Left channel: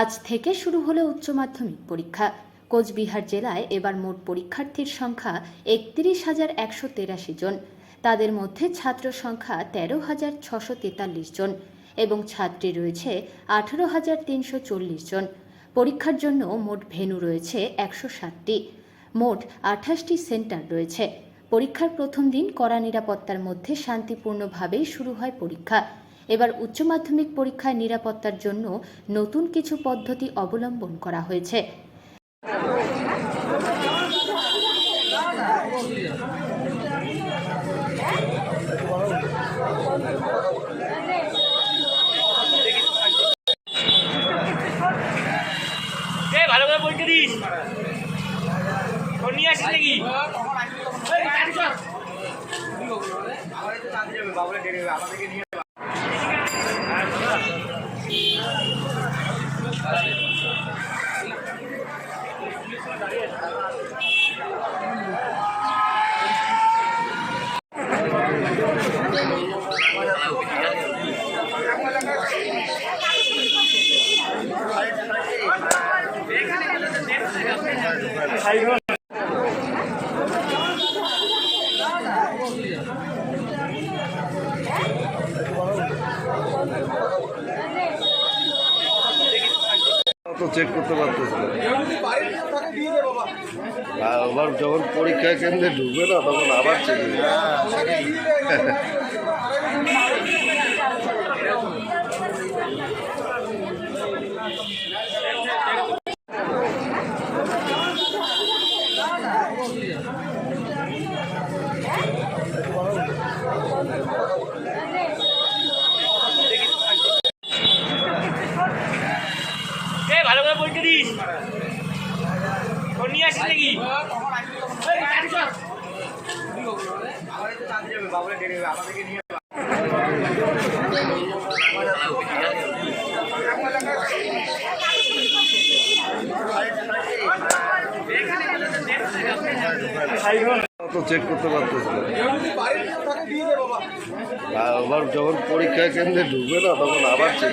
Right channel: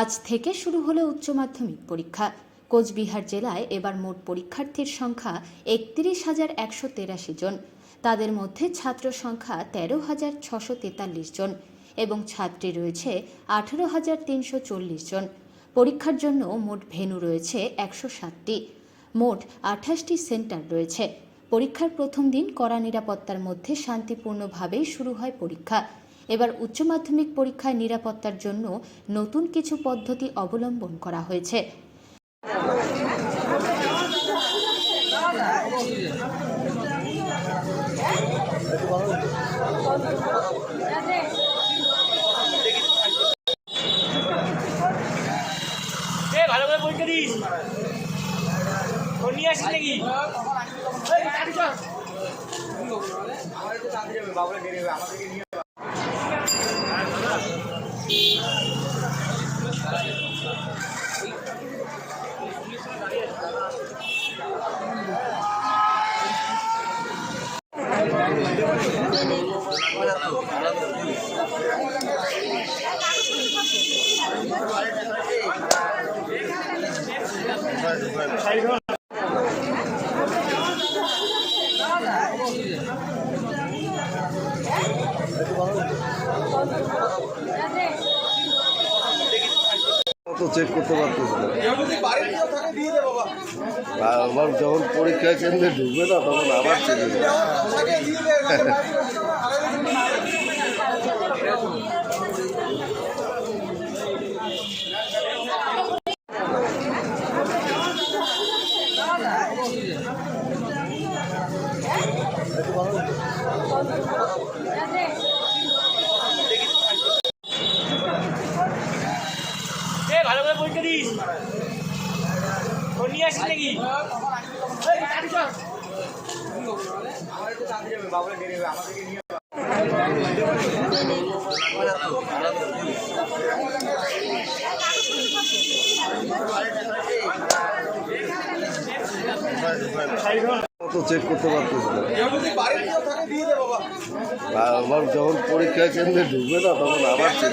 আজ থেকে শুরু হলো উচ্চ মাধ্যমিক পরীক্ষা। কোচবিহার জেলায় এবার মোট পরীক্ষার্থীর সংখ্যা ৩১,১৮৩ জন। তাদের মধ্যে ছাত্র সংখ্যা ১৩,৬৪৩ জন এবং ছাত্রী রয়েছে ১৮,৩৪০ জন। পরীক্ষার জন্য মোট ভেন্যু রয়েছে ১৬০টি। মোট ২৮টি সেন্টার রয়েছে। পরীক্ষার প্রথম দিন কড়া নিরাপত্তার মধ্যে শান্তিপূর্ণভাবেই শুরু হয় পরীক্ষা। এবার উচ্চ মাধ্যমিক পরীক্ষার নিরাপত্তার জন্য নতুন কিছু পদ্ধতি অবলম্বন করা হয়েছে। ভালো করে পরীক্ষা দিস নিয়ে আসিস নাকি তো চেক করতে পারতেছিল আবার যখন পরীক্ষা কেন্দ্রে ঢুকবে না তখন আবার চেক ভালো করে পরীক্ষা দিস নিয়ে আসিস নাকি তো চেক করতে পারতেছিল আবার যখন পরীক্ষা কেন্দ্রে ঢুকবে না তখন আবার চেক